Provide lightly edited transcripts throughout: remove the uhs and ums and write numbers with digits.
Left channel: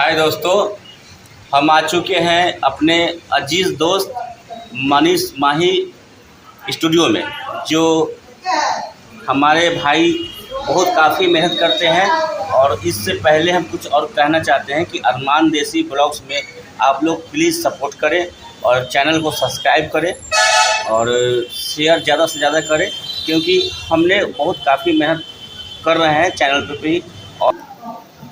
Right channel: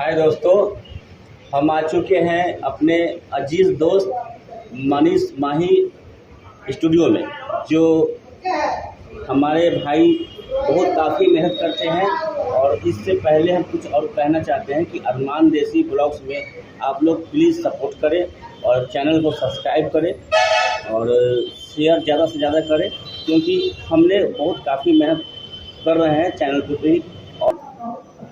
हाय दोस्तों, हम आ चुके हैं अपने अजीज़ दोस्त मनीष माही स्टूडियो में। जो हमारे भाई बहुत काफ़ी मेहनत करते हैं। और इससे पहले हम कुछ और कहना चाहते हैं कि अरमान देसी ब्लॉग्स में आप लोग प्लीज़ सपोर्ट करें और चैनल को सब्सक्राइब करें और शेयर ज़्यादा से ज़्यादा करें, क्योंकि हमने बहुत काफ़ी मेहनत कर रहे हैं चैनल पे भी और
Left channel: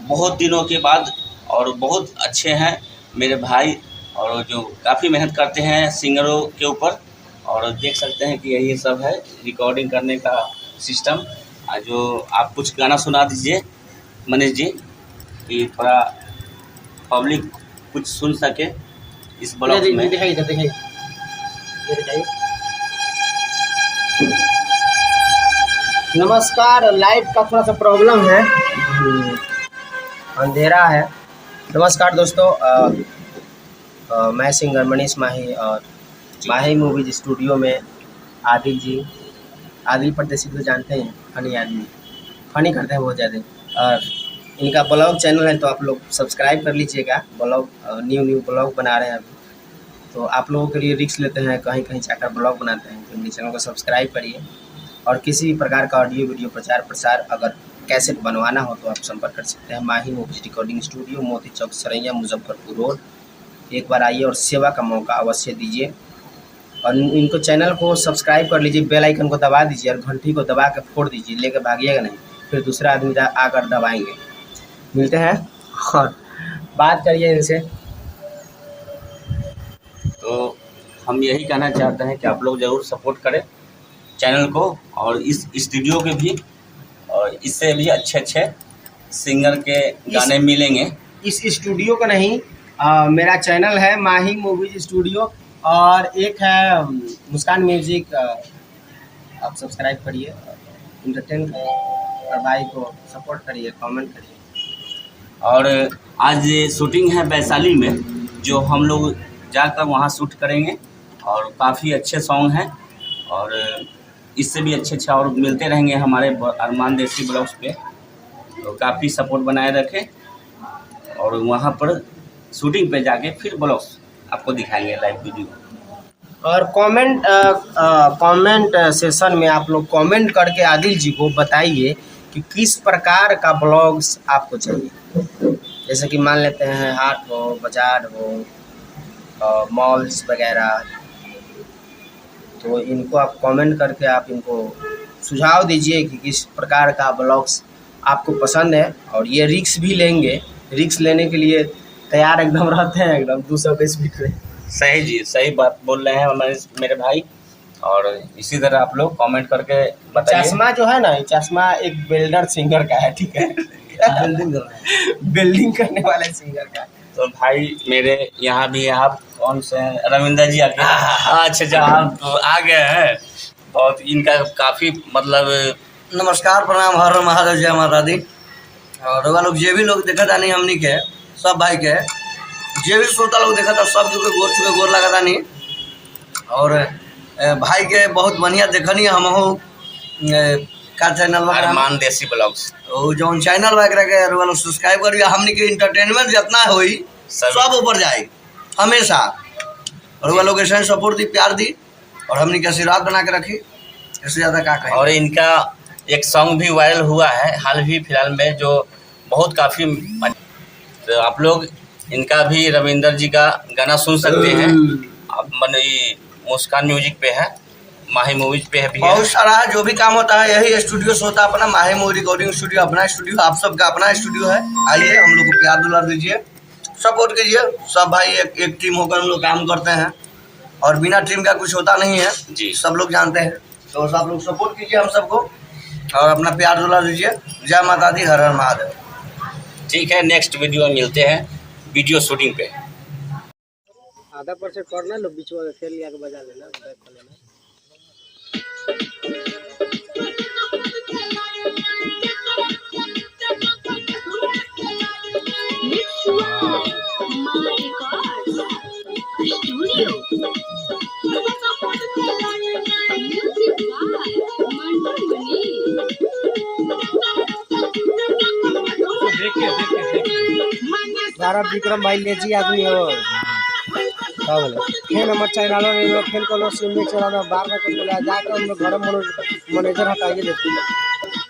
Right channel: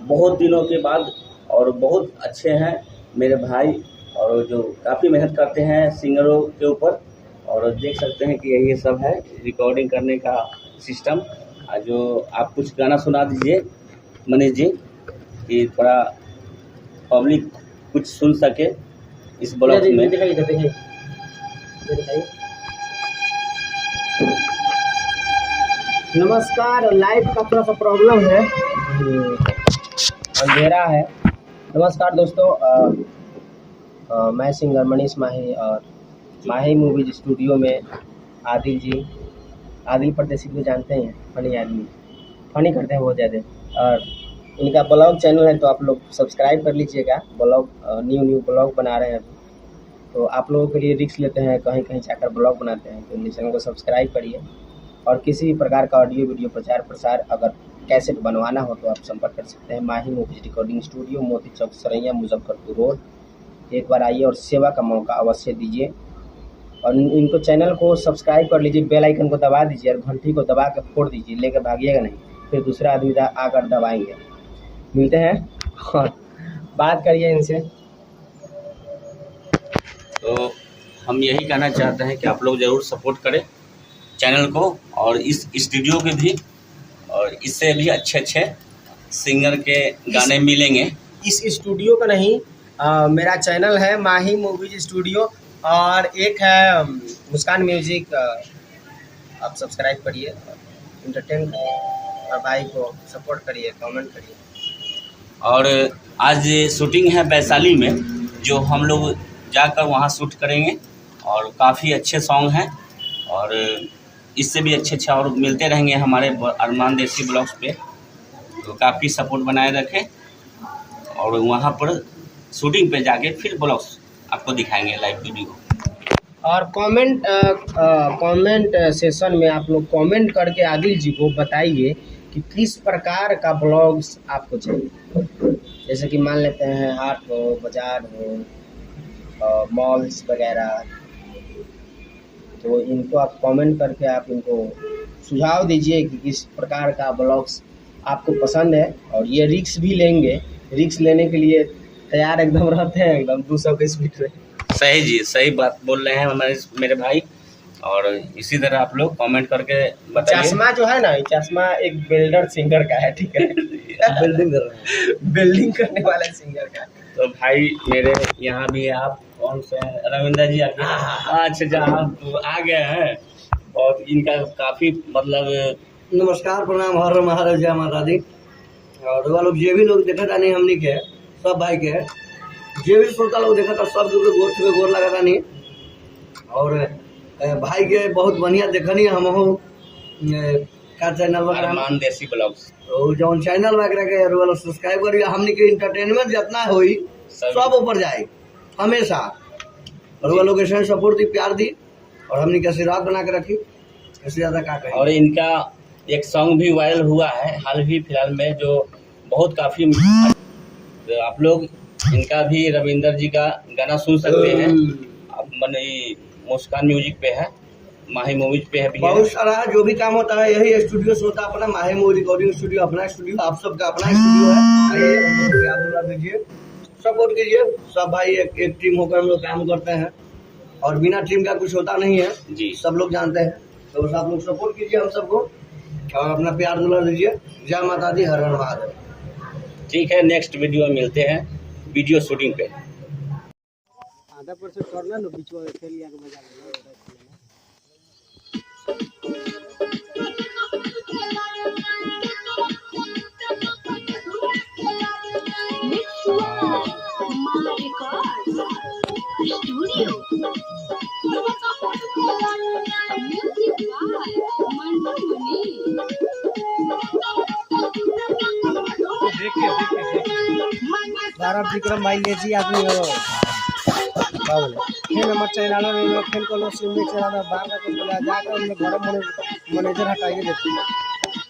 बहुत दिनों के बाद। और बहुत अच्छे हैं मेरे भाई और जो काफ़ी मेहनत करते हैं सिंगरों के ऊपर। और देख सकते हैं कि यही सब है रिकॉर्डिंग करने का सिस्टम। जो आप कुछ गाना सुना दीजिए मनीष जी, कि थोड़ा पब्लिक कुछ सुन सके इस ब्लॉग में। दिखाइए। नमस्कार, लाइट का थोड़ा सा प्रॉब्लम है, अंधेरा है। नमस्कार दोस्तों, मैं सिंगर मनीष माही और माही मूवीज स्टूडियो में आदिल जी, आदिल परदेसी को जानते हैं, फनी आदमी, फनी करते हैं बहुत ज़्यादा। और इनका ब्लॉग चैनल है, तो आप लोग सब्सक्राइब कर लीजिएगा। ब्लॉग न्यू ब्लॉग बना रहे हैं अभी, तो आप लोगों के लिए रिस्क लेते हैं, कहीं कहीं जाकर ब्लॉग बनाते हैं, तो इनके चैनल को सब्सक्राइब करिए। और किसी भी प्रकार का ऑडियो वीडियो प्रचार प्रसार अगर कैसेट बनवाना हो तो आप संपर्क कर सकते हैं। माही मूवीज रिकॉर्डिंग स्टूडियो, मोती चौक, सरैया, मुजफ्फरपुर रोड। एक बार आइए और सेवा का मौका अवश्य दीजिए। और इनको चैनल को सब्सक्राइब कर लीजिए, बेल आइकन को दबा दीजिए और घंटी को दबा के फोड़ दीजिए, लेकर भागिएगा नहीं, फिर दूसरा आदमी आकर दबाएंगे। मिलते हैं और बात करिए इनसे। तो हम यही कहना चाहते हैं कि आप लोग ज़रूर सपोर्ट करें चैनल को और इस स्टूडियो के भी, और इससे भी अच्छे अच्छे सिंगर के गाने मिलेंगे। इस स्टूडियो का नहीं, मेरा चैनल है माही मूवीज स्टूडियो, और एक है मुस्कान म्यूजिक। आप सब्सक्राइब करिए, इंटरटेन करिए और भाई को सपोर्ट करिए, कमेंट करिए। और आज शूटिंग है वैशाली में, जो हम लोग जाकर वहाँ शूट करेंगे और काफ़ी अच्छे सॉन्ग हैं। और इससे भी अच्छे अच्छे और मिलते रहेंगे हमारे अरमान देसी ब्लॉग्स पे। तो काफ़ी सपोर्ट बनाए रखें और वहाँ पर शूटिंग पे जाके फिर ब्लॉग्स आपको दिखाएंगे लाइव वीडियो। और कमेंट सेशन में आप लोग कमेंट करके आदिल जी को बताइए कि किस प्रकार का ब्लॉग्स आपको चाहिए। जैसे कि मान लेते हैं हाट हो, बाजार हो, मॉल्स वगैरह, तो इनको आप कमेंट करके आप इनको सुझाव दीजिए कि किस प्रकार का ब्लॉग्स आपको पसंद है। और ये रिक्स भी लेंगे, रिक्स लेने के लिए तैयार एकदम रहते हैं, एकदम 200 के स्पीड में। सही जी, सही बात बोल रहे हैं हमारे मेरे भाई। और इसी तरह आप लोग कमेंट करके बताइए। चश्मा जो है ना, ये चश्मा एक बिल्डर सिंगर का है, ठीक है। बिल्डिंग कर रहा है, बिल्डिंग करने वाले सिंगर का है। तो भाई मेरे यहाँ भी आप कौन से रविंदर जी आके अच्छा आप आ गए हैं। बहुत इनका काफ़ी मतलब नमस्कार, प्रणाम, हर हर महादेव, जय माता दी। और वह लोग जे भी लोग देखा था नहीं हमनी के सब भाई के, जे भी श्रोता लोग देखा था सब जो के गोर छुके गोर लगा था नहीं। और भाई के बहुत बढ़िया देखनी हम हो का चैनल अरमान देसी ब्लॉग्स, तो जौन चैनल वगैरह के वो लोग सब्सक्राइब करिए। हमनी के इंटरटेनमेंट जितना होई सब ऊपर जाए हमेशा। और वो लोग ऐसे सपोर्ट दी, प्यार दी और हमनी के आशीर्वाद बना के रखी, इससे ज़्यादा क्या कहें। और इनका एक सॉन्ग भी वायरल हुआ है हाल ही फिलहाल में, जो बहुत काफ़ी, तो आप लोग इनका भी रविंदर जी का गाना सुन सकते हैं। अब मुस्कान म्यूजिक पे है, माही मूवीज पे है भी, बहुत सारा जो भी काम होता है यही स्टूडियो से होता है। अपना माही मूवी रिकॉर्डिंग स्टूडियो अपना स्टूडियो, आप सबका अपना स्टूडियो है। आइए, हम लोग को प्यार दुलार दीजिए, सपोर्ट कीजिए। सब भाई एक टीम होकर हम लोग काम करते हैं और बिना टीम का कुछ होता नहीं है जी, सब लोग जानते हैं। तो सब लोग सपोर्ट कीजिए हम सबको और अपना प्यार दुलार दीजिए। जय माता दी, हर हर महादेव। ठीक है, नेक्स्ट वीडियो में मिलते हैं वीडियो शूटिंग पे। आधा % करना लो, बीच में खेल लिया के बजा लेना। देखिए सारा विक्रम भाई लेजी आदमी हो का बोले फेन हमर चैनल में फेन को सिम में चला बार बार बोला जाकर हम लोग घर मैनेजर हटाइए देते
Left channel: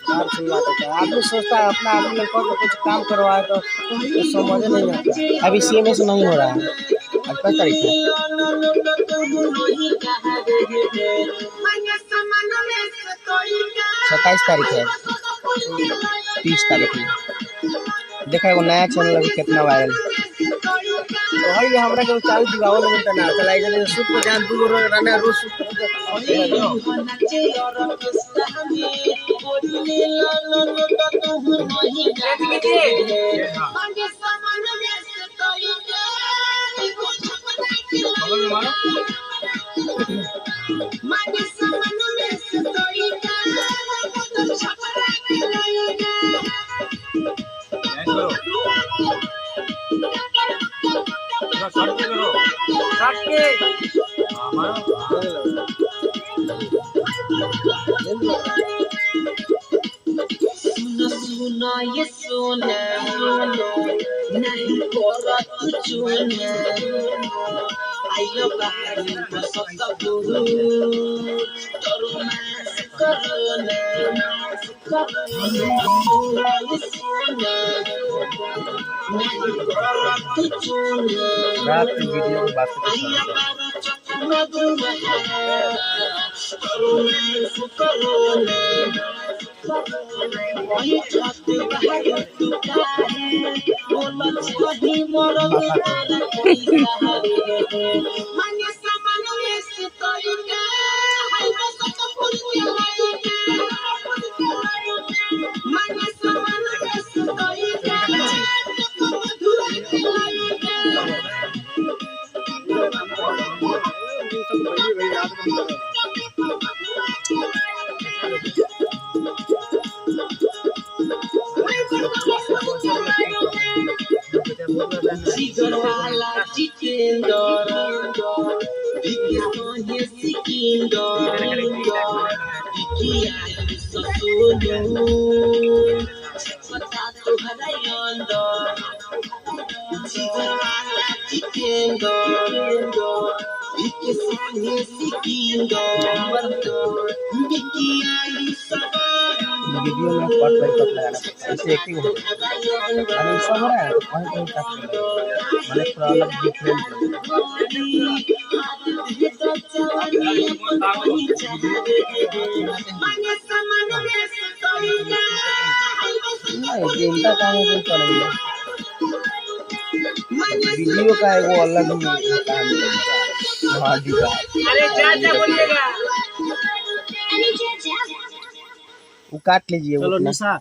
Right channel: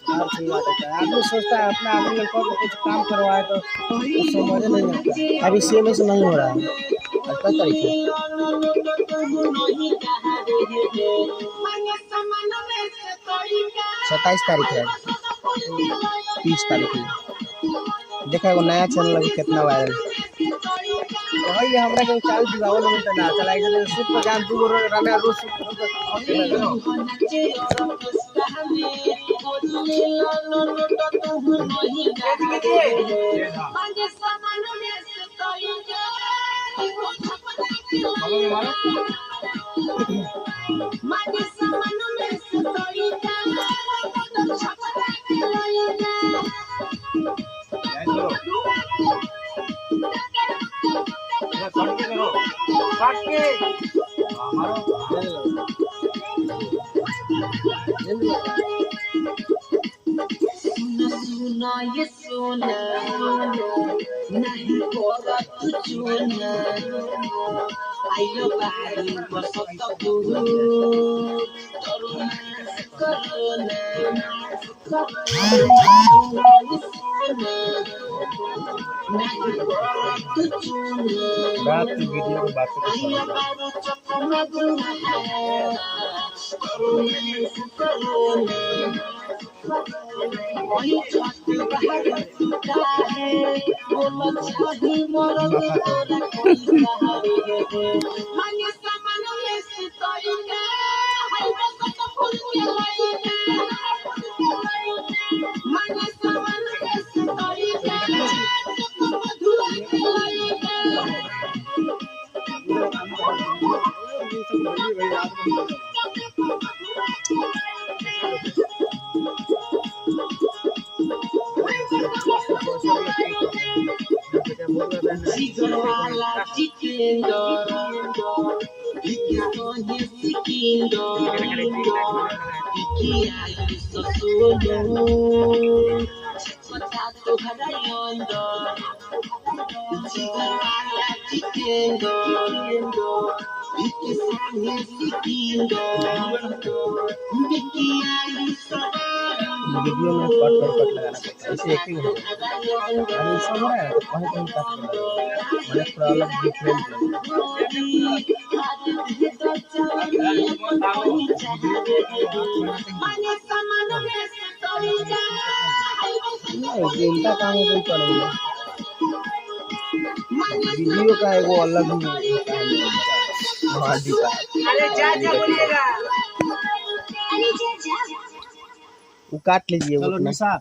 बाहर सुना देता है। आदमी सोचता है अपना आदमी लड़कों को कुछ काम करवाए तो समझ नहीं आता। अभी CMS नहीं हो रहा है। आज 5 तारीख है, 27 तारीख है, 30 तारीख है। देखा एगो नया चैनल अभी कितना वायरल तो है। हमरा के चाल दिवाओ लोग ना चला इधर सूट पर जान दू राना रोज सूट सुना ये सोना नहीं कोरा तुझने आइलो बाहर बसता बुरु तरुमास करने ये सोना नहीं कोरा तुझने रात की वीडियो की बात आइलो बाहर चपना दुमा तरुमास करने वही छाते बाहर टूटा है बोला चाही मरल तोरा पैसा है माने सामान में से तोइया हाय बस तो फूल के माने सामान में से तोइया Jigarwala jitendor, dikisoye sikindor, dikiayi sosolo, patato harayondor. Jigarwala jitendor, dikisoye sikindor, dikiayi sosolo. Video में कट बाई कट लगाना पड़ता है, ऐसे एक्टिंग हो अरे सब हो रहा है तो कहीं कहीं कट मैंने थोड़ा अलग डिफरेंट नहीं इनका काम है तो चलेगा। वीडियो का एगो अलग ही होता है। अरे जा बोलिएगा वो काट लीजिए। चलो निशा